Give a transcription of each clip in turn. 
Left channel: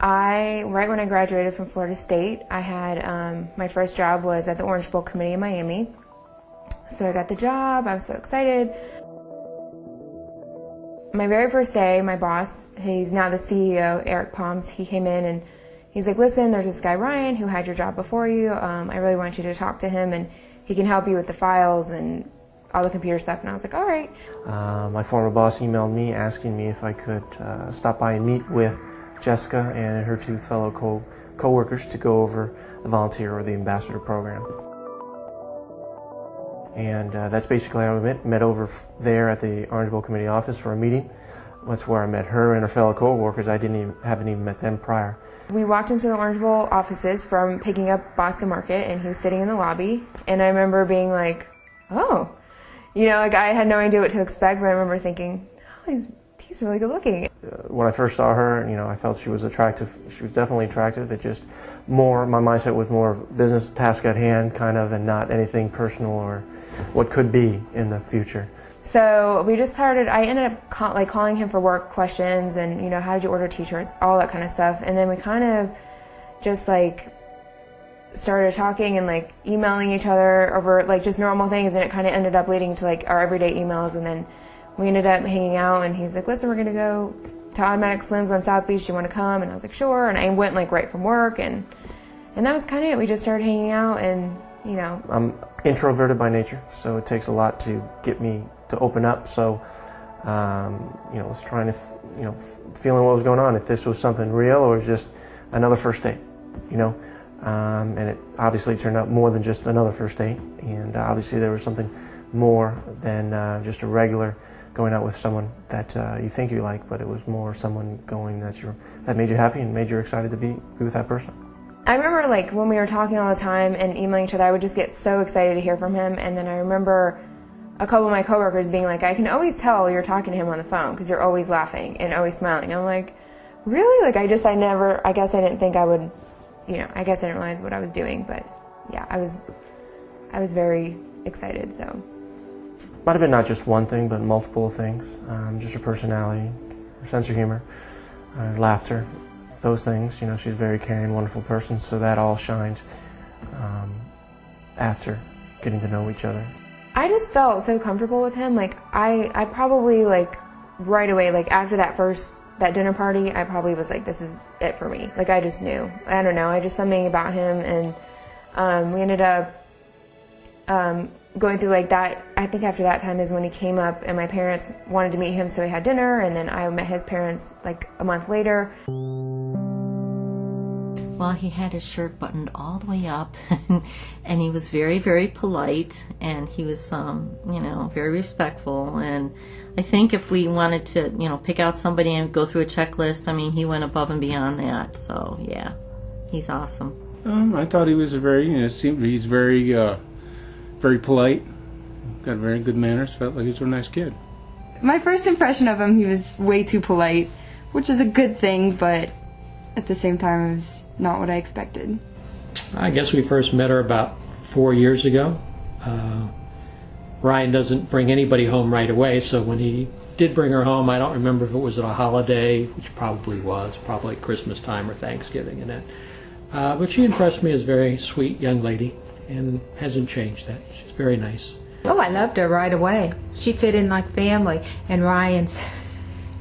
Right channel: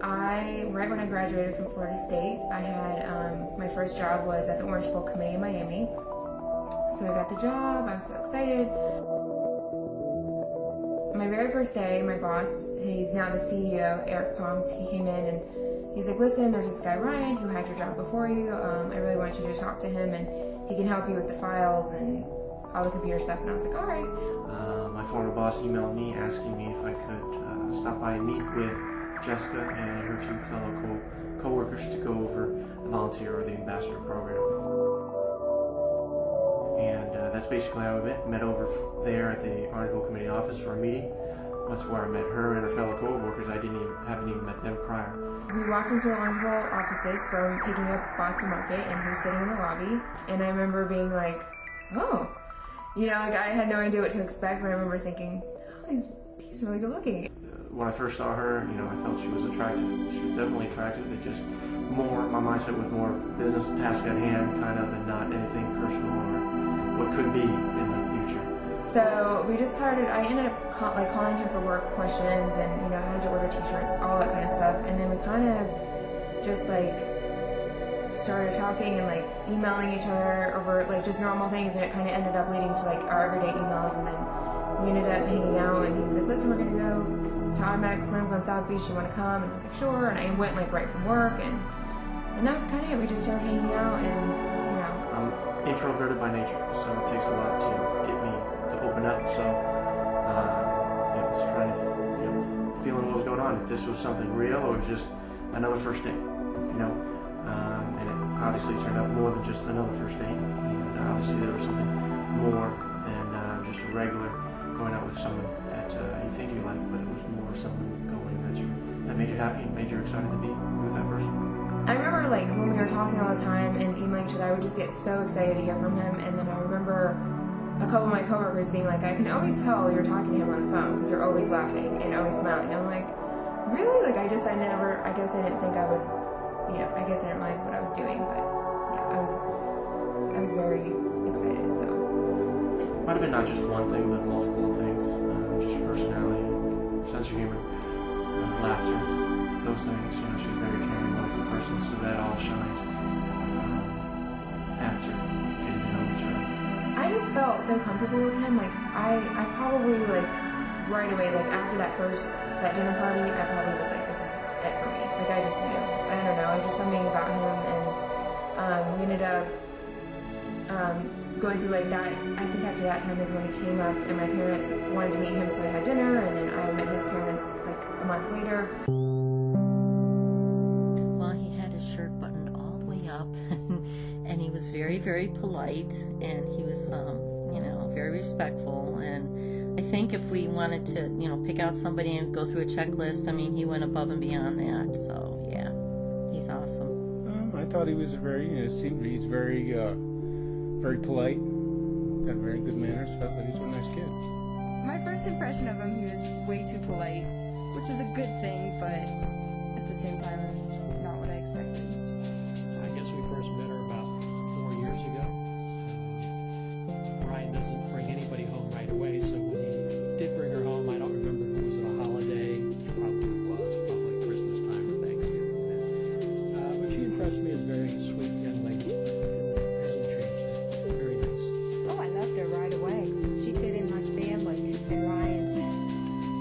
Right when I graduated from Florida State, I had my first job was at the Orange Bowl Committee in Miami. So I got the job, I was so excited. My very first day, my boss, he's now the CEO, Eric Palms, he came in and he's like, listen, there's this guy Ryan who had your job before you. I really want you to talk to him and he can help you with the files and all the computer stuff. And I was like, all right. My former boss emailed me asking me if I could stop by and meet with Jessica and her two fellow co-workers to go over the volunteer or the ambassador program. And that's basically how we met over there at the Orange Bowl Committee office for a meeting. That's where I met her and her fellow co-workers. I haven't even met them prior. We walked into the Orange Bowl offices from picking up Boston Market, and he was sitting in the lobby. And I remember being like, oh, like I had no idea what to expect, but I remember thinking, oh, he's really good looking. When I first saw her, I felt she was attractive. She was definitely attractive. It just my mindset was more business task at hand, kind of, and not anything personal or what could be in the future. So we just started, I ended up calling him for work questions and, how did you order t-shirts, all that kind of stuff. And then we kind of just started talking and emailing each other over just normal things, and it kind of ended up leading to our everyday emails. And then we ended up hanging out, and he's like, listen, we're going to go to Automatic Slims on South Beach, you want to come? And I was like, sure. And I went right from work, and that was kind of it. We just started hanging out, and I'm introverted by nature, so it takes a lot to get me to open up. So just trying to feeling what was going on, if this was something real or just another first date, and it obviously turned out more than just another first date, and obviously there was something more than just a regular going out with someone that you think you like, but it was more someone going that made you happy and made you excited to be with that person. I remember when we were talking all the time and emailing each other, I would just get so excited to hear from him. And then I remember a couple of my coworkers being like, I can always tell you're talking to him on the phone because you're always laughing and always smiling. I'm like, really? I guess I didn't think I would, I guess I didn't realize what I was doing. But yeah, I was very excited, so. Might have been not just one thing, but multiple things. Just her personality, her sense of humor, laughter. Those things, she's a very caring, wonderful person, so that all shined after getting to know each other. I just felt so comfortable with him. I probably right away, after that dinner party, I probably was like, this is it for me. I just knew. I don't know, I just something about him, and we ended up going through that. I think after that time is when he came up, and my parents wanted to meet him, so we had dinner, and then I met his parents a month later. Well, he had his shirt buttoned all the way up, and he was very, very polite, and he was, very respectful. And I think if we wanted to, pick out somebody and go through a checklist, he went above and beyond that. So, yeah, he's awesome. I thought he was he's very, very polite, got very good manners, felt like he's a nice kid. My first impression of him, he was way too polite, which is a good thing, but at the same time, it was not what I expected. I guess we first met her about 4 years ago. Ryan doesn't bring anybody home right away, so when he did bring her home, I don't remember if it was at a holiday, which probably Christmas time or Thanksgiving and that. But she impressed me as a very sweet young lady and hasn't changed that. She's very nice. Oh, I loved her right away. She fit in like family. And Ryan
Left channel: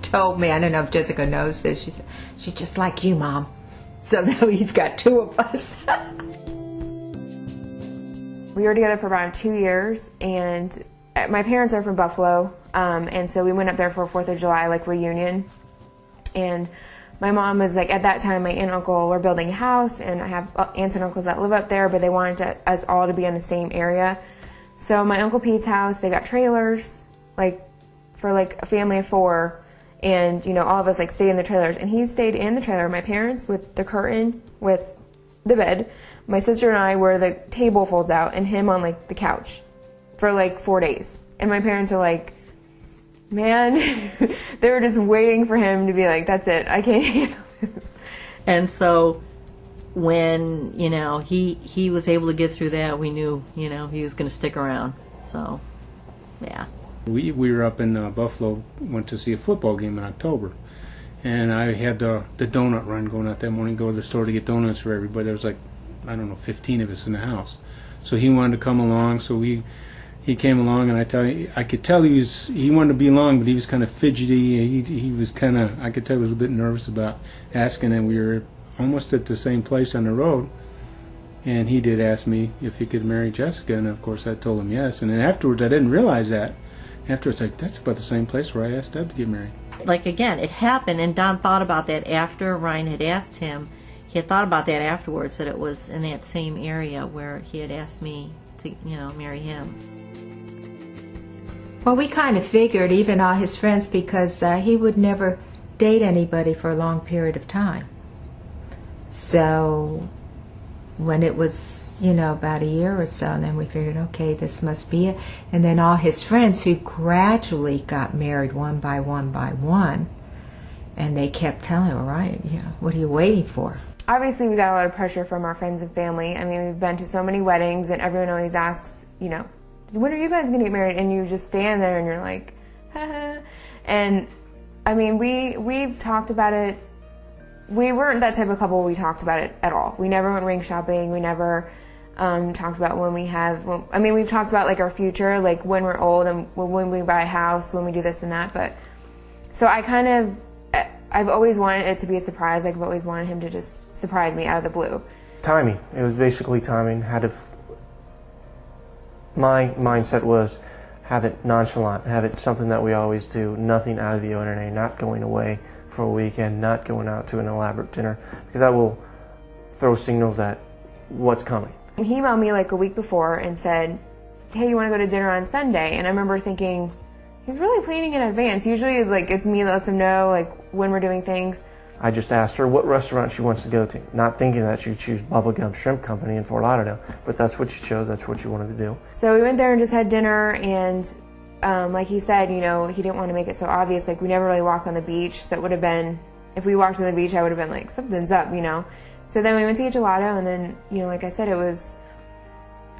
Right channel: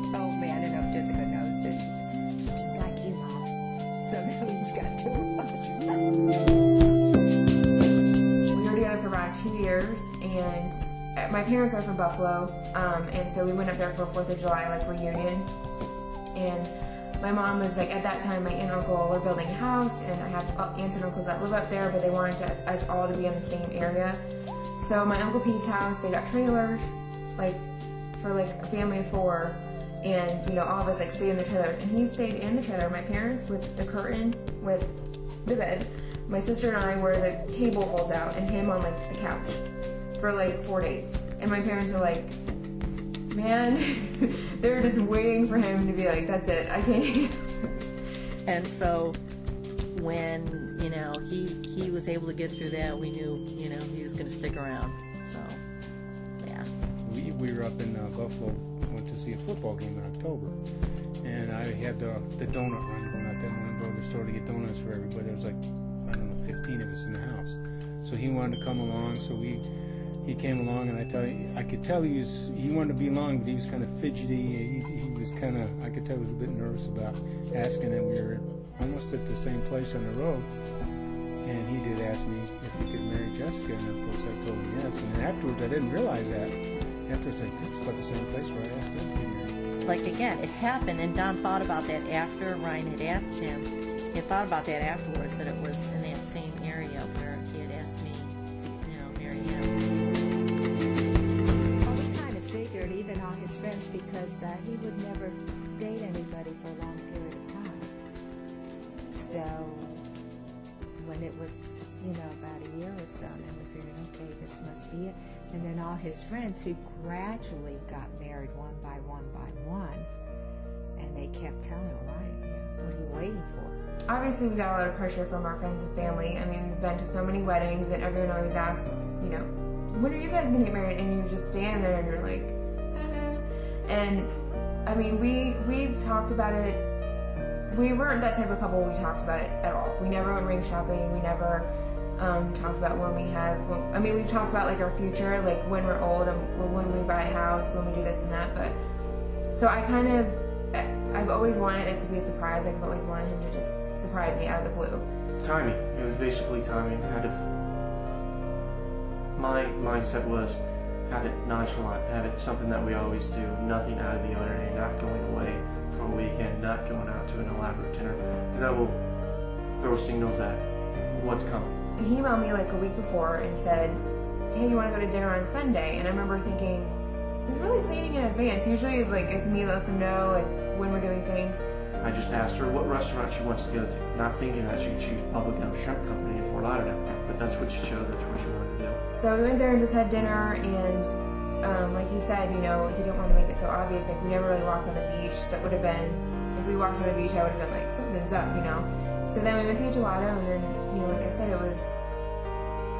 told me, I don't know if Jessica knows this, she said, she's just like you, Mom. So now he's got two of us. We were together for around 2 years, and my parents are from Buffalo, and so we went up there for a 4th of July reunion. And my mom was at that time, my aunt and uncle were building a house, and I have aunts and uncles that live up there, but they wanted us all to be in the same area. So my Uncle Pete's house, they got trailers, for a family of 4. And, all of us stayed in the trailers. And he stayed in the trailer, my parents, with the curtain, with the bed. My sister and I where the table folds out, and him on the couch for 4 days. And my parents are like, man, they were just waiting for him to be like, that's it, I can't handle this. And so when, he was able to get through that, we knew, he was going to stick around. So, yeah. We were up in Buffalo, went to see a football game in October, and I had the donut run going out that morning, go to the store to get donuts for everybody. There was like, I don't know, 15 of us in the house. So he wanted to come along, so he came along, and I could tell he wanted to be along, but he was kind of fidgety. He was kind of, I could tell he was a bit nervous about asking, and we were almost at the same place on the road. And he did ask me if he could marry Jessica, and of course I told him yes. And then afterwards, I didn't realize that. Afterwards, like, that's about the same place where I asked Deb to get married. Like, again, it happened, and Don thought about that after Ryan had asked him. He had thought about that afterwards, that it was in that same area where he had asked me to, marry him. Well, we kind of figured, even all his friends, because he would never date anybody for a long period of time. So when it was, about a year or so, and then we figured, okay, this must be it. And then all his friends who gradually got married one by one, and they kept telling him, all right, what are you waiting for? Obviously, we got a lot of pressure from our friends and family. I mean, we've been to so many weddings, and everyone always asks, when are you guys going to get married? And you just stand there, and you're like, haha. And, I mean, we've talked about it. We weren't that type of couple. We talked about it at all. We never went ring shopping. We never talked about when we have. We've talked about like our future, like when we're old and when we buy a house, when we do this and that. But so I've always wanted it to be a surprise. Like I've always wanted him to just surprise me out of the blue. Timing. It was basically timing. My mindset was have it nonchalant, have it something that we always do, nothing out of the ordinary, not going away for a weekend, not going out to an elaborate dinner, because that will throw signals at what's coming. He emailed me like a week before and said, hey, you want to go to dinner on Sunday? And I remember thinking, he's really planning in advance. Usually like it's me that lets him know like when we're doing things. I just asked her what restaurant she wants to go to, not thinking that she'd choose Bubblegum Shrimp Company in Fort Lauderdale, but that's what she chose, that's what she wanted to do. So we went there and just had dinner, and like he said, he didn't want to make it so obvious. Like we never really walked on the beach, so it would have been, if we walked on the beach, I would have been like, something's up, So then we went to get gelato, and then, like I said, it was,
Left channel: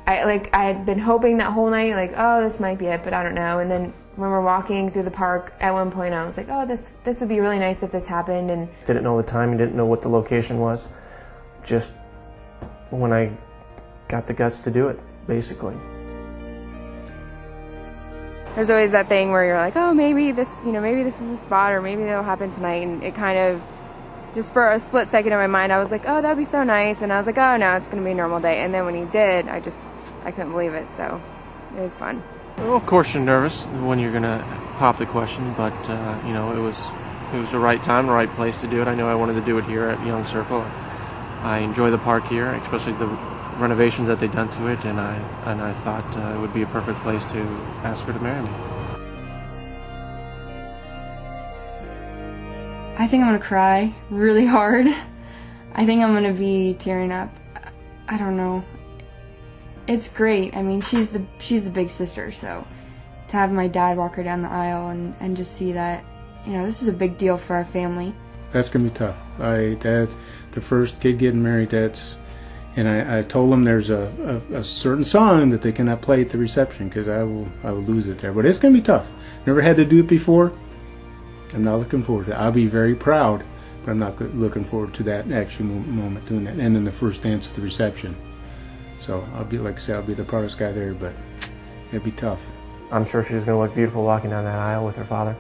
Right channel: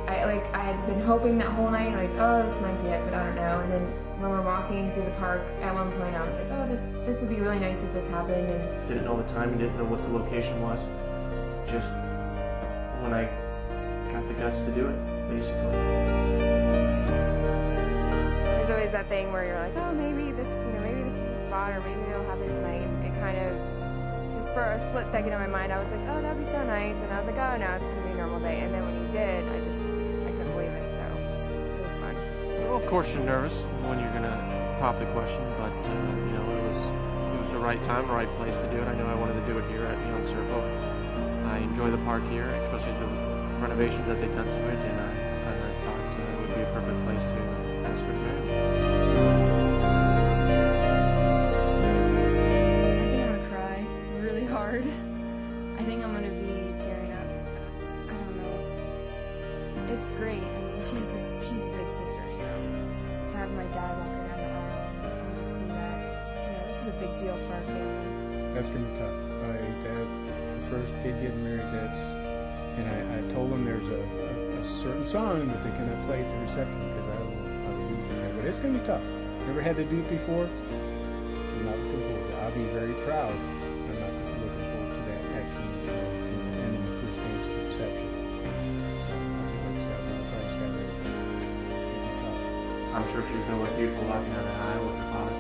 I had been hoping that whole night, like, oh, this might be it, but I don't know. And then when we're walking through the park, at one point I was like, oh, this would be really nice if this happened. And didn't know the time, didn't know what the location was. Just when I got the guts to do it, basically. There's always that thing where you're like, oh, maybe this is the spot, or maybe that'll happen tonight. And it kind of, just for a split second in my mind, I was like, oh, that'd be so nice. And I was like, oh, no, it's going to be a normal day. And then when he did, I couldn't believe it. So it was fun. Well, of course you're nervous when you're going to pop the question, but, it was the right time, the right place to do it. I know I wanted to do it here at Young Circle. I enjoy the park here, especially the renovations that they've done to it, and I thought it would be a perfect place to ask her to marry me. I think I'm gonna cry really hard. I think I'm gonna be tearing up. I don't know. It's great. I mean, she's the big sister, so to have my dad walk her down the aisle and just see that, this is a big deal for our family. That's gonna be tough. That's the first kid getting married. And I told them there's a certain song that they cannot play at the reception because I will lose it there. But it's going to be tough. Never had to do it before. I'm not looking forward to it. I'll be very proud, but I'm not looking forward to that actual moment doing that. And then the first dance at the reception. So I'll be, like I said, I'll be the proudest guy there, but it'll be tough. I'm sure she's going to look beautiful walking down that aisle with her father.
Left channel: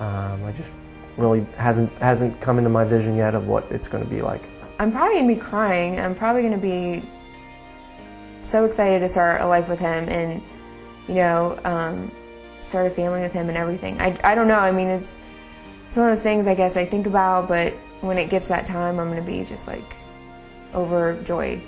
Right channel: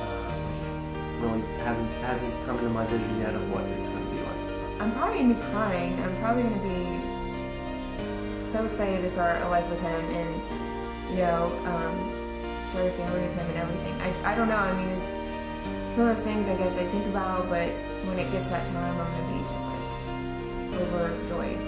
I just really hasn't come into my vision yet of what it's going to be like. I'm probably going to be crying. I'm probably going to be so excited to start a life with him and, start a family with him and everything. I don't know. I mean, it's one of those things I guess I think about, but when it gets that time, I'm going to be just like overjoyed.